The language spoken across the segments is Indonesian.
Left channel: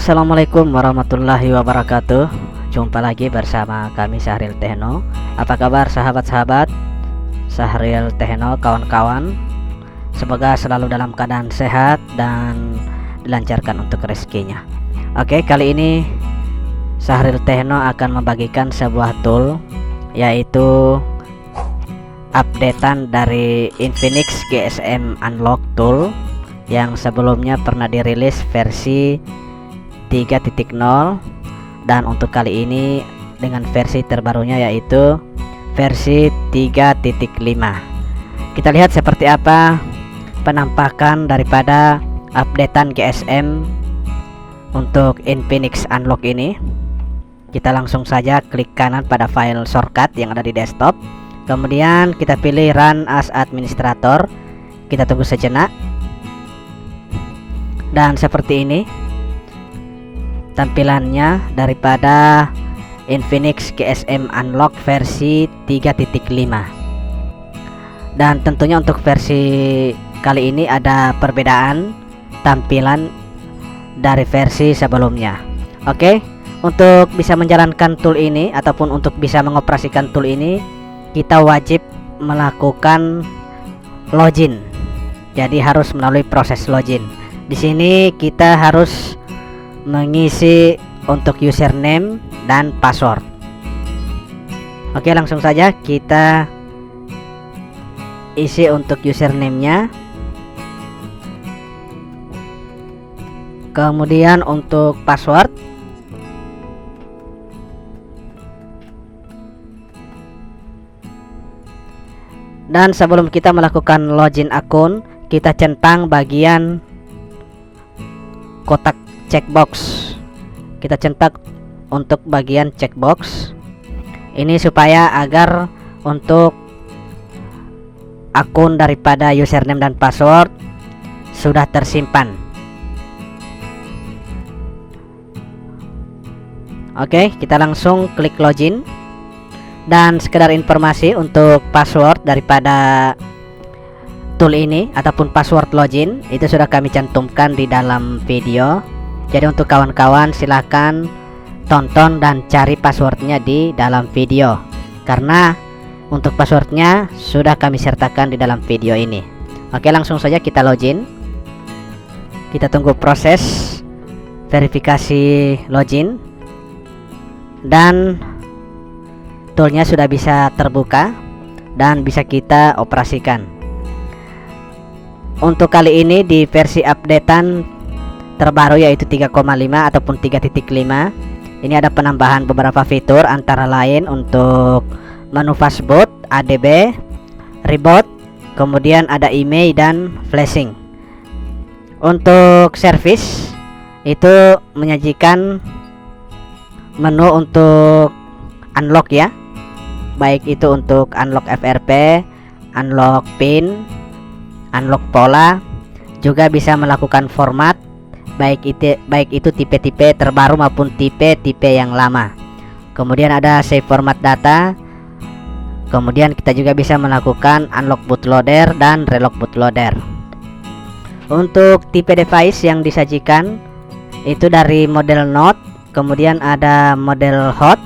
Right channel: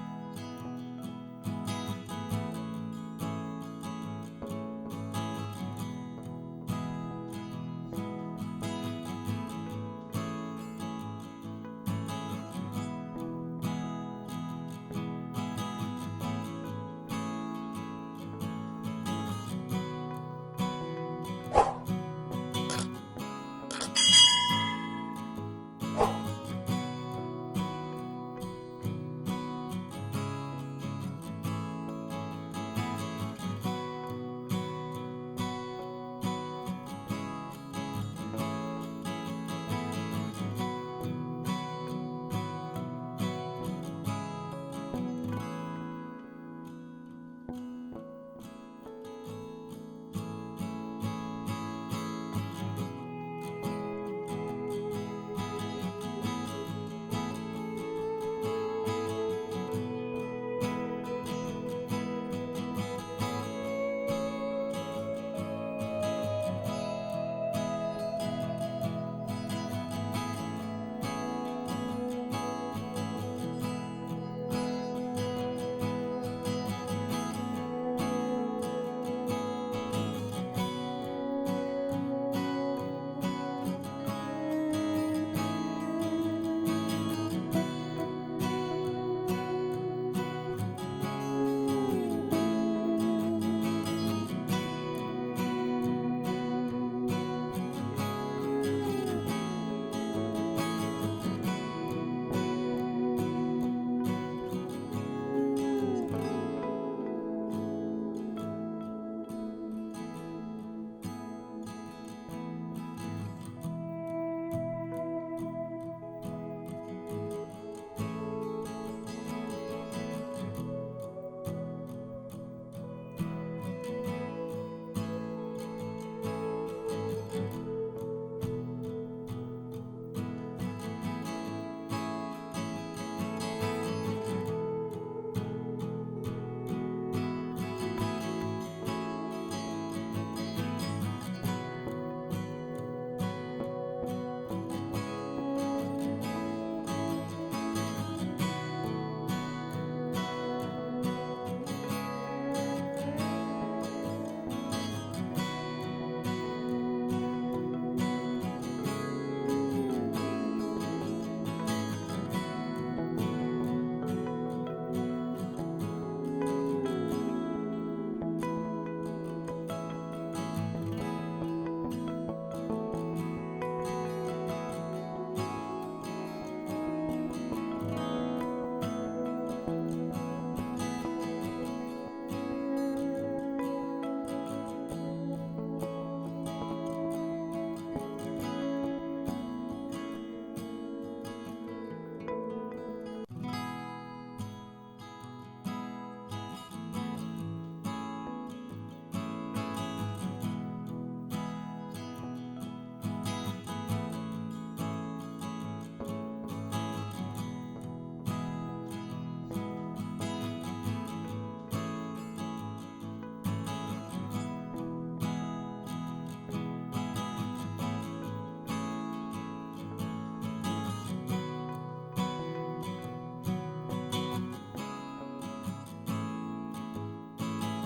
Assalamualaikum warahmatullahi wabarakatuh. Jumpa lagi bersama kami Syahril Techno. Apa kabar sahabat-sahabat Syahril Techno, kawan-kawan? Semoga selalu dalam keadaan sehat dan dilancarkan untuk rezekinya. Oke, kali ini Syahril Techno akan membagikan sebuah tool, yaitu updatean dari Infinix GSM Unlock Tool yang sebelumnya pernah dirilis versi 3.0, dan untuk kali ini dengan versi terbarunya yaitu versi 3.5. Kita lihat seperti apa penampakan daripada updatean GSM untuk Infinix Unlock ini. Kita langsung saja klik kanan pada file shortcut yang ada di desktop, kemudian kita pilih Run as Administrator. Kita tunggu sejenak, dan seperti ini tampilannya daripada Infinix GSM Unlock versi 3.5. Dan tentunya untuk versi kali ini ada perbedaan tampilan dari versi sebelumnya. Oke, untuk bisa menjalankan tool ini ataupun untuk bisa mengoperasikan tool ini, kita wajib melakukan login. Jadi harus melalui proses login. Di sini kita harus mengisi untuk username dan password. Oke, langsung saja kita isi untuk username-nya. Kemudian untuk password, dan sebelum kita melakukan login akun, kita centang bagian kotak checkbox. Kita centang untuk bagian checkbox ini supaya agar untuk akun daripada username dan password sudah tersimpan. Oke, kita langsung klik login. Dan sekedar informasi untuk password daripada tool ini ataupun password login itu sudah kami cantumkan di dalam video. Jadi untuk kawan-kawan silahkan tonton dan cari passwordnya di dalam video, karena untuk passwordnya sudah kami sertakan di dalam video ini. Oke, langsung saja kita login. Kita tunggu proses verifikasi login, dan toolnya sudah bisa terbuka dan bisa kita operasikan. Untuk kali ini di versi updatean terbaru yaitu 3,5 ataupun 3.5, ini ada penambahan beberapa fitur, antara lain untuk menu fastboot, ADB, reboot, kemudian ada email dan flashing. Untuk service itu menyajikan menu untuk unlock ya, baik itu untuk unlock FRP, unlock pin, unlock pola, juga bisa melakukan format baik itu tipe-tipe terbaru maupun tipe-tipe yang lama. Kemudian ada save format data. Kemudian kita juga bisa melakukan unlock bootloader dan relock bootloader. Untuk tipe device yang disajikan itu dari model Note, kemudian ada model Hot,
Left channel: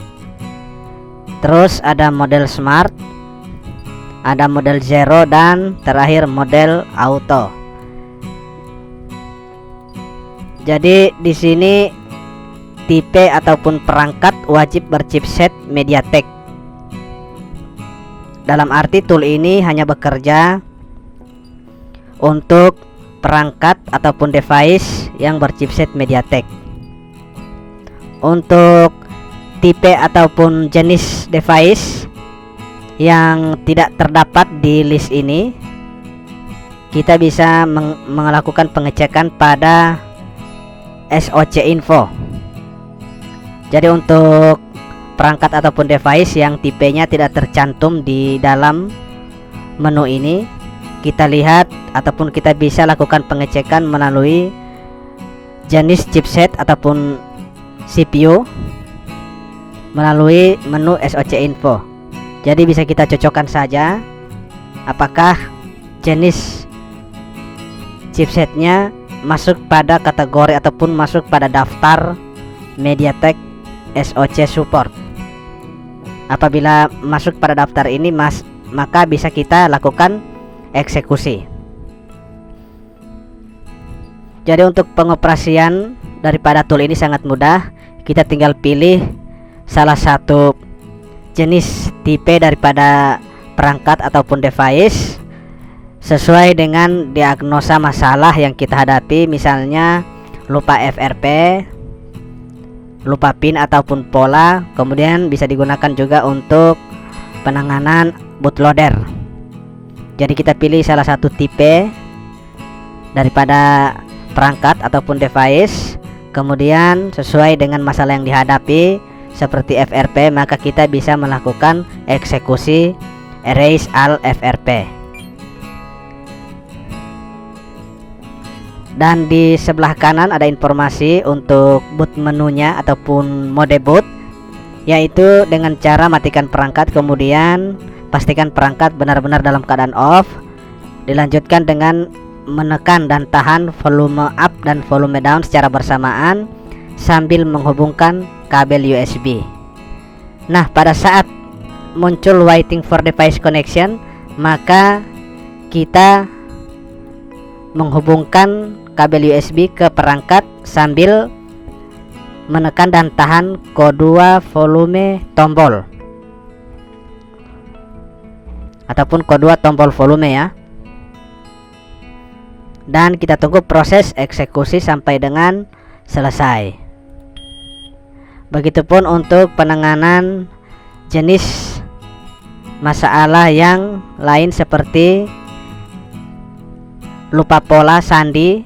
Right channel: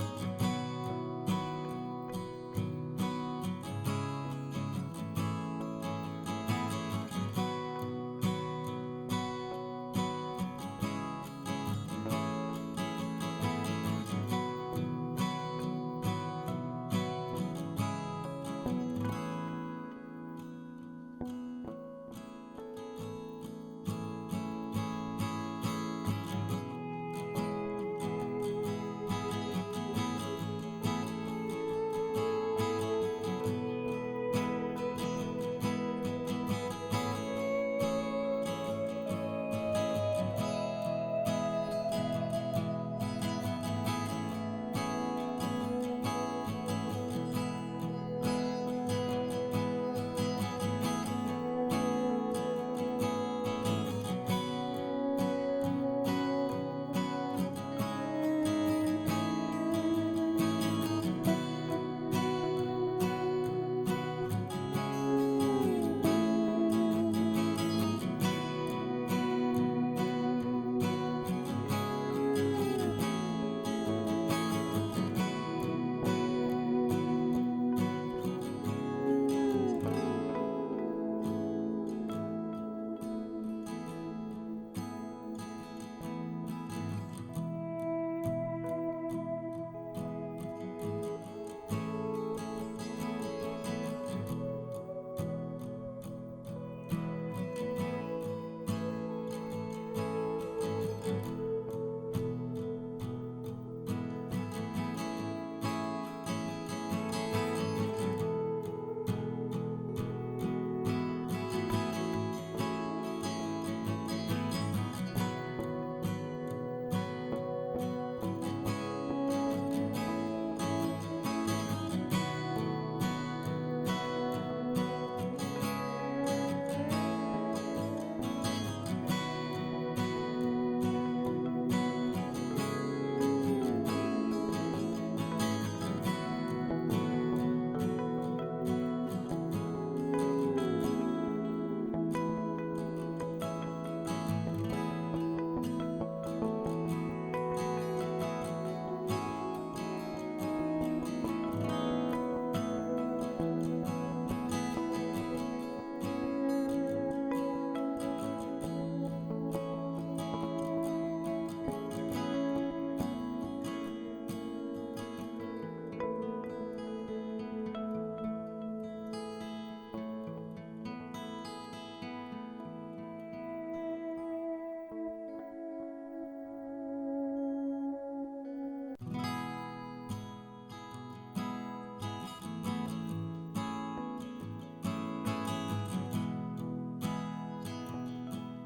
terus ada model Smart, ada model Zero, dan terakhir model Auto. Jadi di sini tipe ataupun perangkat wajib berchipset MediaTek. Dalam arti tool ini hanya bekerja untuk perangkat ataupun device yang berchipset MediaTek. Untuk tipe ataupun jenis device yang tidak terdapat di list ini, kita bisa melakukan pengecekan pada SOC info. Jadi untuk perangkat ataupun device yang tipenya tidak tercantum di dalam menu ini, kita lihat ataupun kita bisa lakukan pengecekan melalui jenis chipset ataupun CPU melalui menu SOC info. Jadi bisa kita cocokkan saja apakah jenis chipsetnya masuk pada kategori ataupun masuk pada daftar MediaTek SoC support. Apabila masuk pada daftar ini maka bisa kita lakukan eksekusi. Jadi untuk pengoperasian daripada tool ini sangat mudah. Kita tinggal pilih salah satu jenis tipe daripada perangkat ataupun device sesuai dengan diagnosa masalah yang kita hadapi, misalnya lupa FRP, lupa pin ataupun pola. Kemudian bisa digunakan juga untuk penanganan bootloader. Jadi kita pilih salah satu tipe daripada perangkat ataupun device, kemudian sesuai dengan masalah yang dihadapi seperti FRP, maka kita bisa melakukan eksekusi erase all FRP. Dan di sebelah kanan ada informasi untuk boot menunya ataupun mode boot, yaitu dengan cara matikan perangkat, kemudian pastikan perangkat benar-benar dalam keadaan off. Dilanjutkan dengan menekan dan tahan volume up dan volume down secara bersamaan sambil menghubungkan kabel USB. Nah, pada saat muncul waiting for device connection, maka kita menghubungkan kabel USB ke perangkat sambil menekan dan tahan kedua volume tombol ataupun kedua tombol volume ya. Dan kita tunggu proses eksekusi sampai dengan selesai. Begitupun untuk penanganan jenis masalah yang lain seperti lupa pola, sandi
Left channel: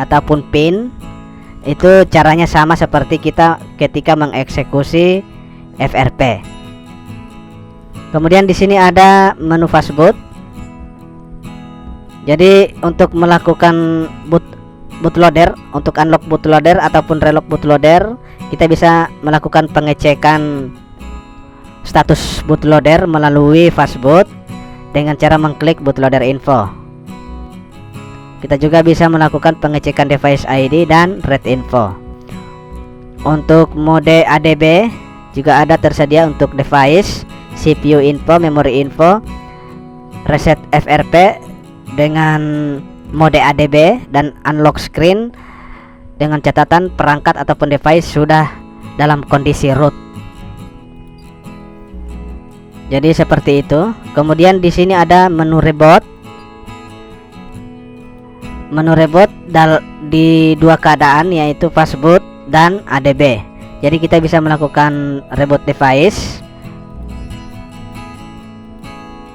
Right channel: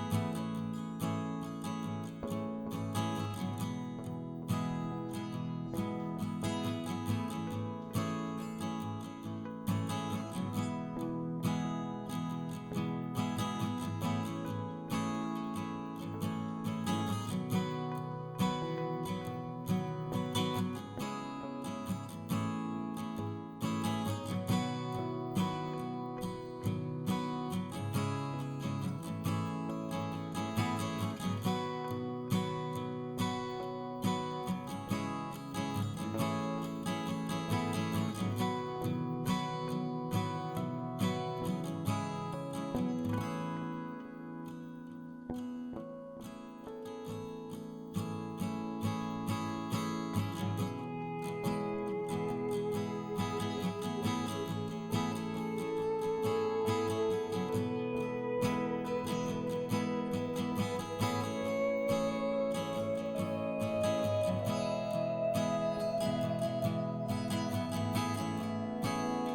ataupun pin. Itu caranya sama seperti kita ketika mengeksekusi FRP. Kemudian di sini ada menu fastboot. Jadi untuk melakukan bootloader, untuk unlock bootloader ataupun relock bootloader, kita bisa melakukan pengecekan status bootloader melalui fastboot dengan cara mengklik bootloader info. Kita juga bisa melakukan pengecekan device ID dan read info. Untuk mode ADB juga ada tersedia untuk device, CPU info, memory info, reset FRP dengan mode ADB, dan unlock screen dengan catatan perangkat ataupun device sudah dalam kondisi root. Jadi seperti itu. Kemudian di sini ada menu reboot. Menu reboot di dua keadaan, yaitu fastboot dan ADB. Jadi kita bisa melakukan reboot device,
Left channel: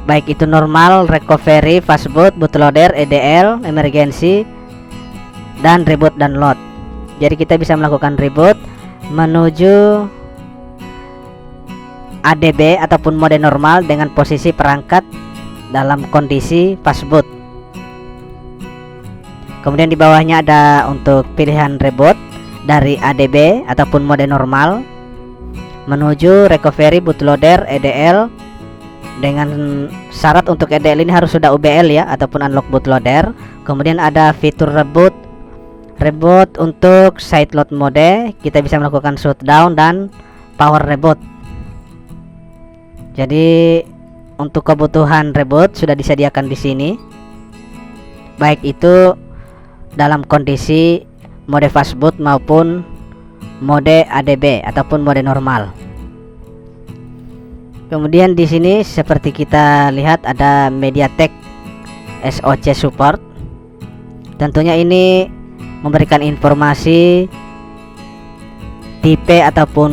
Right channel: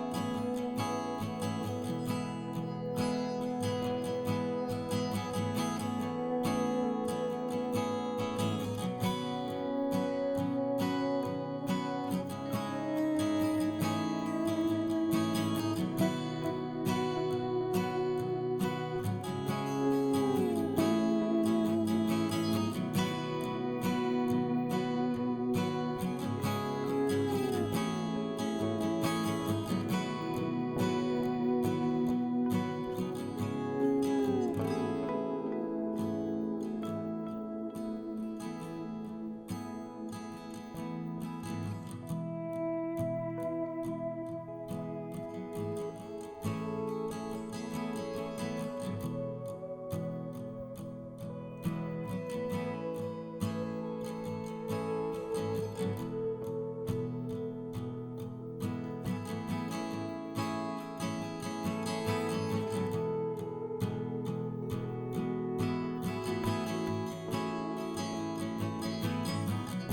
baik itu normal, recovery, fastboot, bootloader, EDL, emergency, dan reboot dan load. Jadi kita bisa melakukan reboot menuju ADB ataupun mode normal dengan posisi perangkat dalam kondisi fastboot. Kemudian di bawahnya ada untuk pilihan reboot dari ADB ataupun mode normal menuju recovery, bootloader, EDL. Dengan syarat untuk EDL ini harus sudah UBL ya, ataupun unlock bootloader. Kemudian ada fitur reboot untuk side load mode, kita bisa melakukan shutdown dan power reboot. Jadi untuk kebutuhan reboot sudah disediakan di sini, baik itu dalam kondisi mode fastboot maupun mode ADB ataupun mode normal. Kemudian di sini seperti kita lihat ada MediaTek SoC support. Tentunya ini memberikan informasi tipe ataupun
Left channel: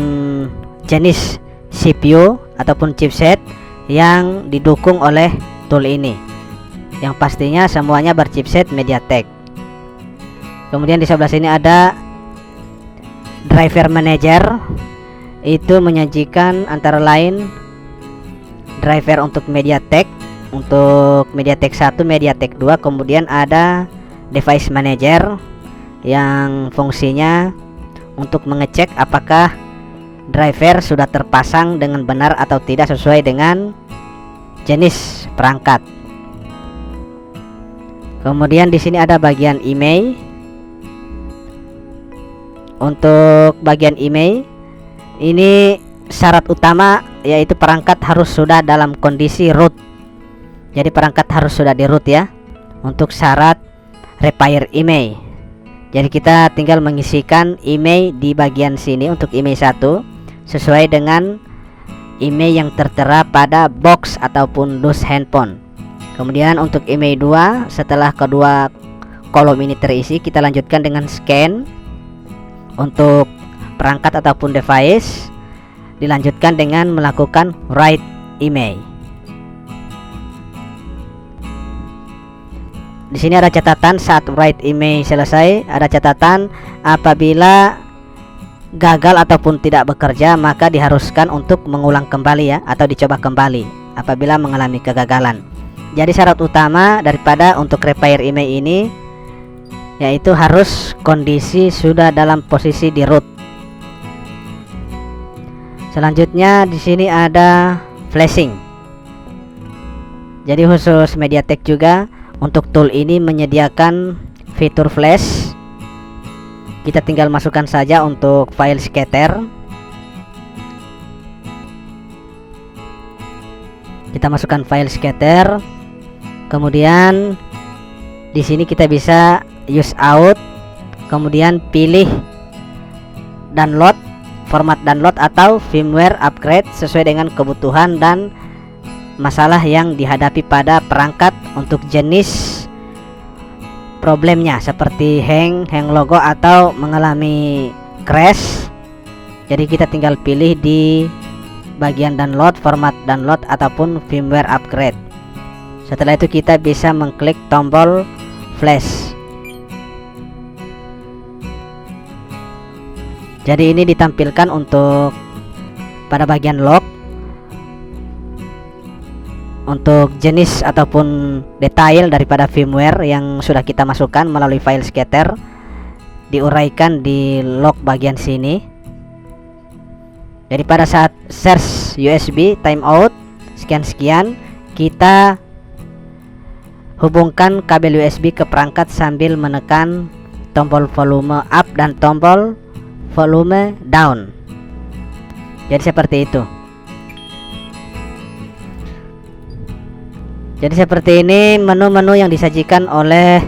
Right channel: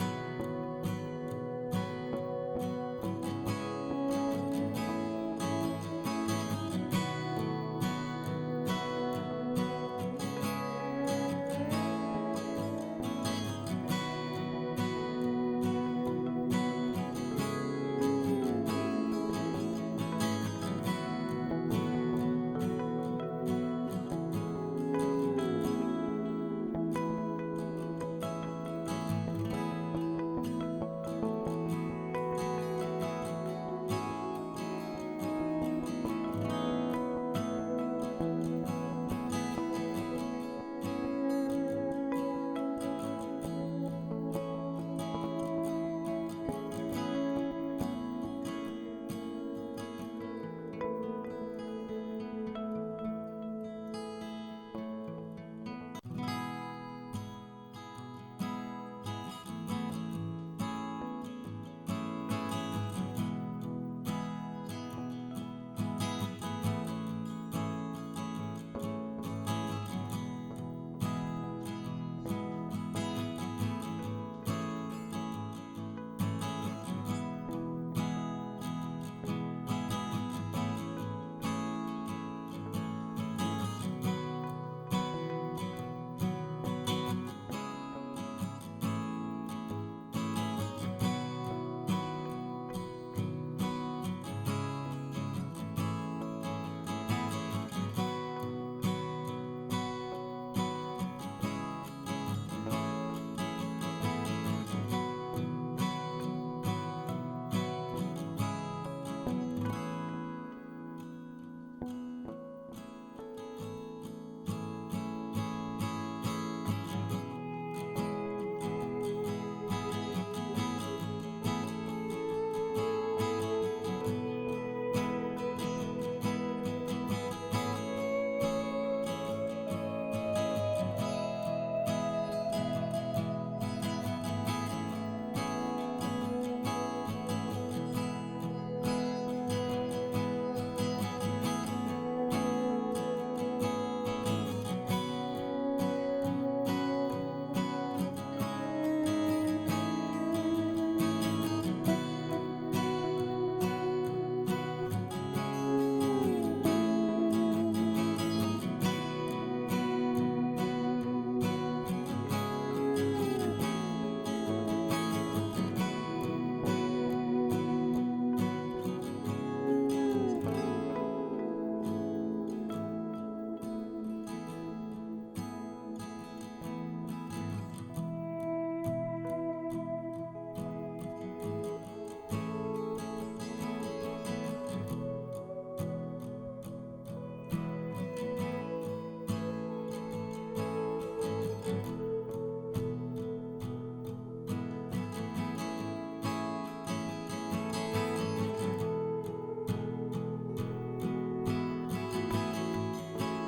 jenis CPU ataupun chipset yang didukung oleh tool ini, yang pastinya semuanya berchipset MediaTek. Kemudian di sebelah sini ada driver manager. Itu menyajikan antara lain driver untuk MediaTek 1, MediaTek 2. Kemudian ada device manager yang fungsinya untuk mengecek apakah driver sudah terpasang dengan benar atau tidak sesuai dengan jenis perangkat. Kemudian di sini ada bagian email untuk bagian email ini syarat utama yaitu perangkat harus sudah dalam kondisi root. Jadi perangkat harus sudah di root ya untuk syarat repair email. Jadi kita tinggal mengisikan email di bagian sini untuk email 1 sesuai dengan email yang tertera pada box ataupun dus handphone. Kemudian untuk email 2 setelah kedua kolom ini terisi, kita lanjutkan dengan scan untuk perangkat ataupun device, dilanjutkan dengan melakukan write email. Di sini ada catatan saat write email selesai, ada catatan apabila gagal ataupun tidak bekerja maka diharuskan untuk mengulang kembali ya, atau dicoba kembali apabila mengalami kegagalan. Jadi syarat utama daripada untuk repair email ini yaitu harus kondisi sudah dalam posisi di root. Selanjutnya di sini ada flashing. Jadi khusus MediaTek juga untuk tool ini menyediakan fitur flash. Kita tinggal masukkan saja untuk file scatter. Kita masukkan file scatter. Kemudian di sini kita bisa use out. Kemudian pilih download, format download atau firmware upgrade sesuai dengan kebutuhan dan masalah yang dihadapi pada perangkat untuk jenis problemnya seperti hang logo atau mengalami crash. Jadi kita tinggal pilih di bagian download, format download ataupun firmware upgrade. Setelah itu kita bisa mengklik tombol flash. Jadi ini ditampilkan untuk pada bagian log untuk jenis ataupun detail daripada firmware yang sudah kita masukkan melalui file scatter, diuraikan di log bagian sini. Jadi pada saat search USB timeout sekian-sekian, kita hubungkan kabel USB ke perangkat sambil menekan tombol volume up dan tombol volume down. Jadi seperti itu. Jadi seperti ini menu-menu yang disajikan oleh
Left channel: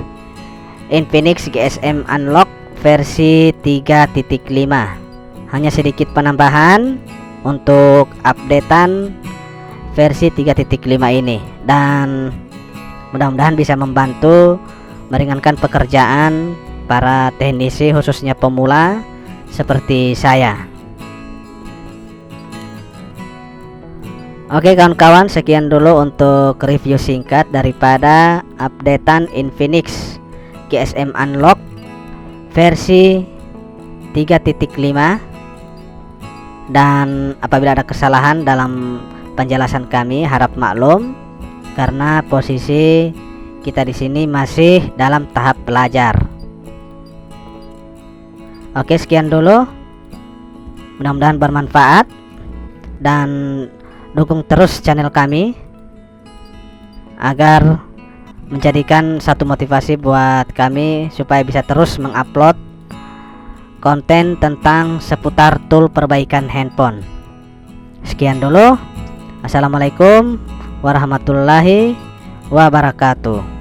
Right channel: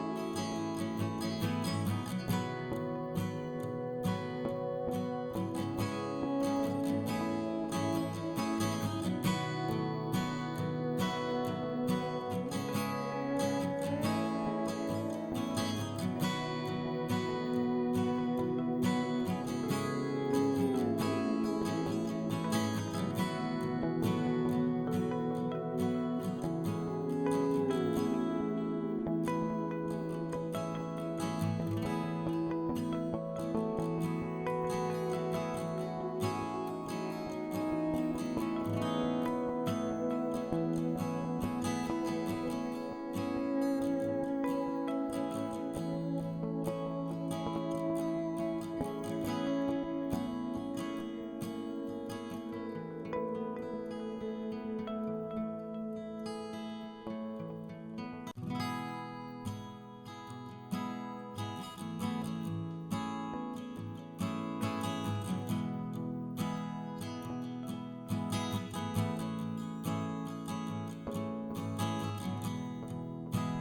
Infinix GSM Unlock versi 3.5. Hanya sedikit penambahan untuk updatean versi 3.5 ini, dan mudah-mudahan bisa membantu meringankan pekerjaan para teknisi khususnya pemula seperti saya. Oke kawan-kawan, sekian dulu untuk review singkat daripada updatean Infinix GSM Unlock versi 3.5. Dan apabila ada kesalahan dalam penjelasan kami, harap maklum karena posisi kita di sini masih dalam tahap belajar. Oke, sekian dulu. Mudah-mudahan bermanfaat dan dukung terus channel kami agar menjadikan satu motivasi buat kami supaya bisa terus mengupload konten tentang seputar tool perbaikan handphone. Sekian dulu. Assalamualaikum warahmatullahi wabarakatuh.